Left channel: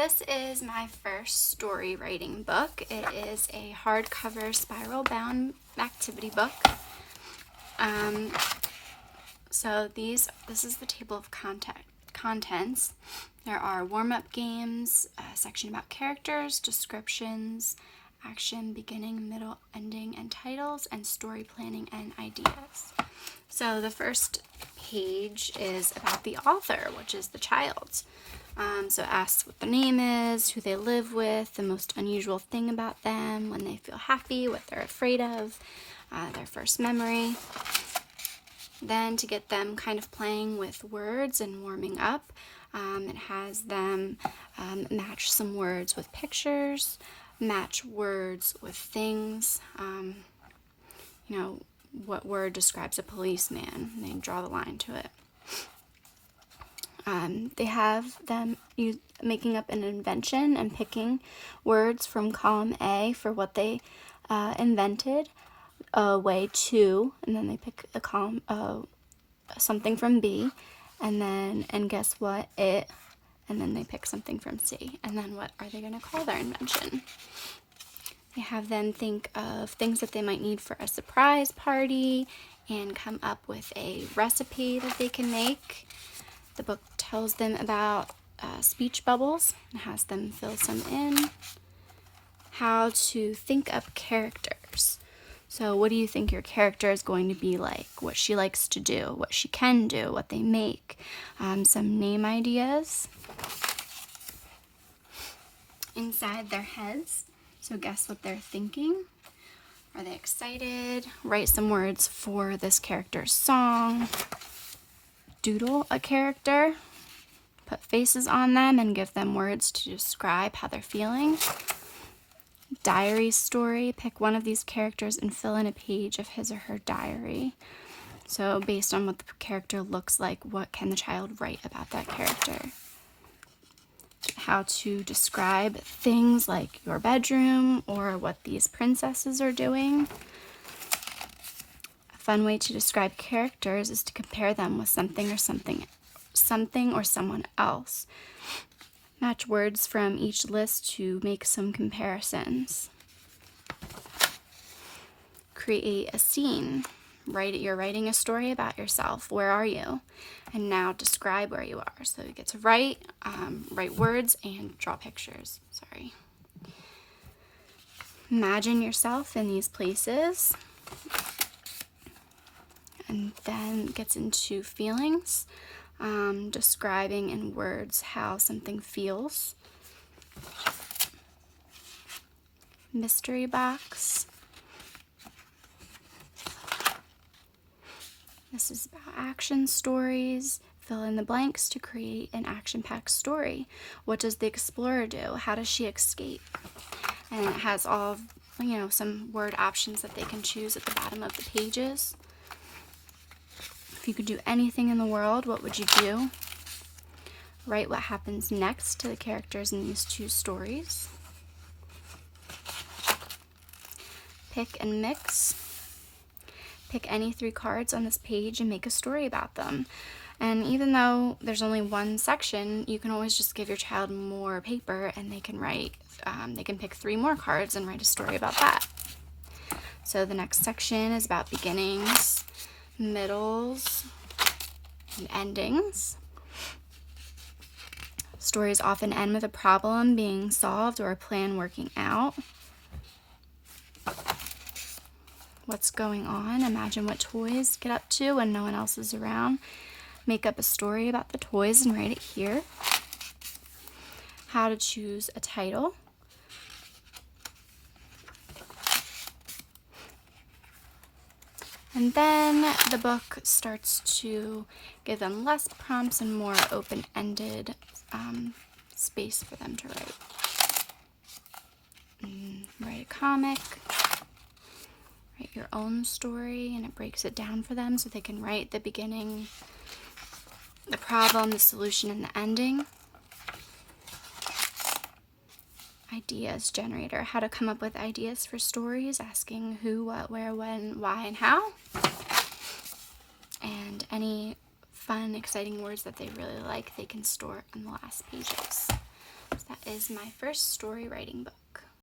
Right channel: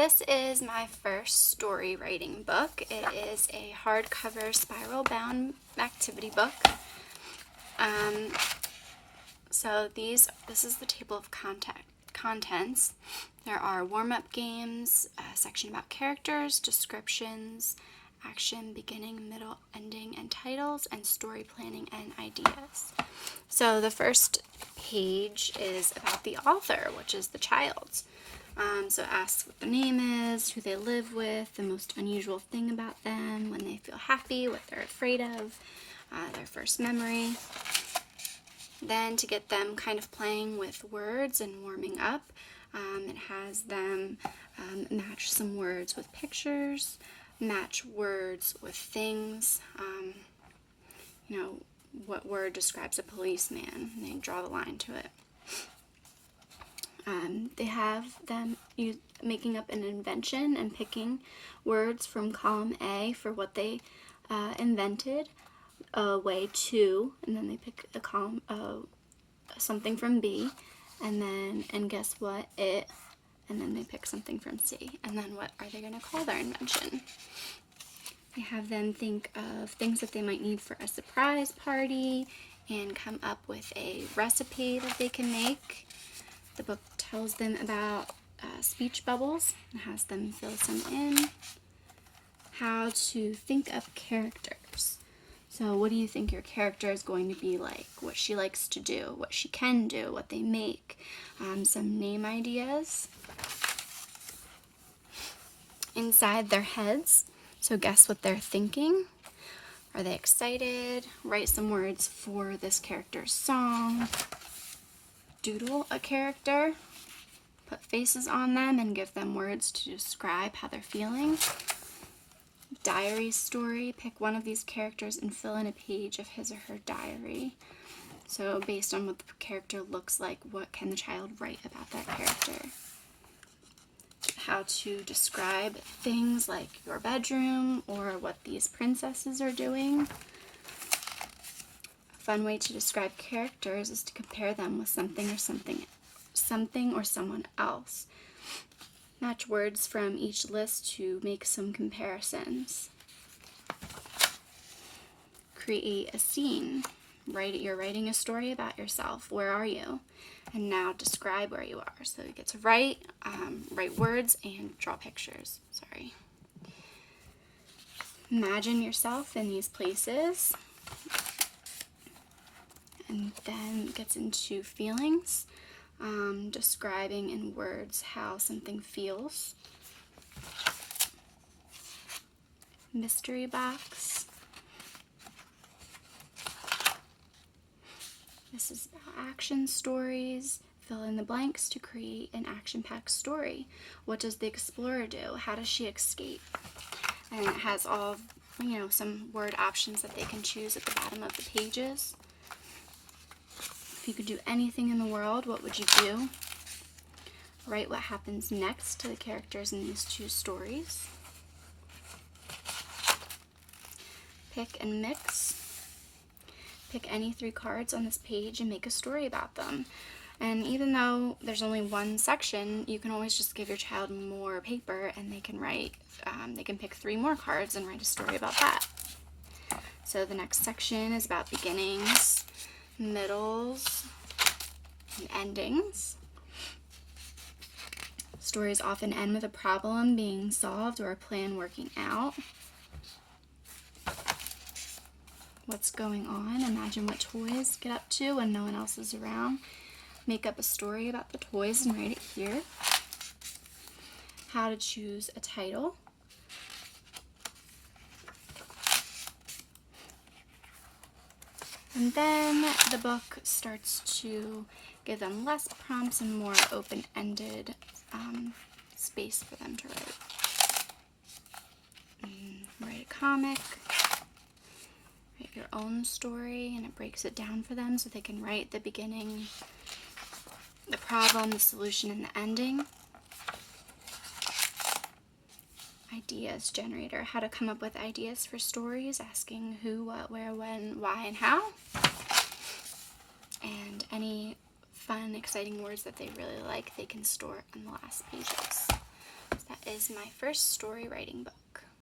This is my first story writing book. It is a hardcover spiral bound activity book. This is the table of contents. There are warm-up games, a section about characters, descriptions, action, beginning, middle, ending, and titles, and story planning and ideas. So the first page is about the author, which is the child. So it asks what their name is, who they live with, the most unusual thing about them, when they feel happy, what they're afraid of, their first memory. Then to get them kind of playing with words and warming up, it has them match some words with pictures, match words with things. What word describes a policeman, and they draw the line to it. They have them making up an invention and picking words from column A for what they invented, way 2, and then they pick a column something from B, and guess what, it, and then they pick something from C, and then what are they going to call their invention? They have them think of things that they might need for a surprise party and come up with a recipe that they can make. The book tells them about speech bubbles and has them fill some in. How to think up characters. So what do you think your character is going to be like? What she likes to do, what she can do, what they make. Some name ideas. Inside their heads. So guess what they're thinking. Are they excited? Write some words for this character's song. Doodle a character. Put faces on them and give them words to describe how they're feeling. Diary story. Pick one of these characters and fill in a page of his or her diary. So based on what the character looks like, what can the child write about that character? How to describe things like your bedroom or what these princesses are doing. A fun way to describe characters is to compare them with something or someone else. Match words from each list to make some comparisons. Create a scene. You're writing a story about yourself. Where are you? And now describe where you are. So you get to write words and draw pictures. Imagine yourself in these places. And then gets into feelings. Describing in words how something feels. Mystery box. This is about action stories. Fill in the blanks to create an action-packed story. What does the explorer do? How does she escape? And it has all, some word options that they can choose at the bottom of the pages. If you could do anything in the world, what would you do? Write what happens next to the characters in these two stories. Pick and mix. Pick any 3 cards on this page and make a story about them. And even though there's only one section, you can always just give your child more paper and they can pick 3 more cards and write a story about that. So the next section is about beginnings, middles, and endings. Stories often end with a problem being solved or a plan working out. What's going on? Imagine what toys get up to when no one else is around. Make up a story about the toys and write it here. How to choose a title. And then the book starts to give them less prompts and more open-ended space for them to write. Write a comic. Write your own story, and it breaks it down for them so they can write the beginning, the problem, the solution, and the ending. Ideas generator, how to come up with ideas for stories, asking who, what, where, when, why, and how. And any fun, exciting words that they really like, they can store on the last pages. So that is my first story writing book.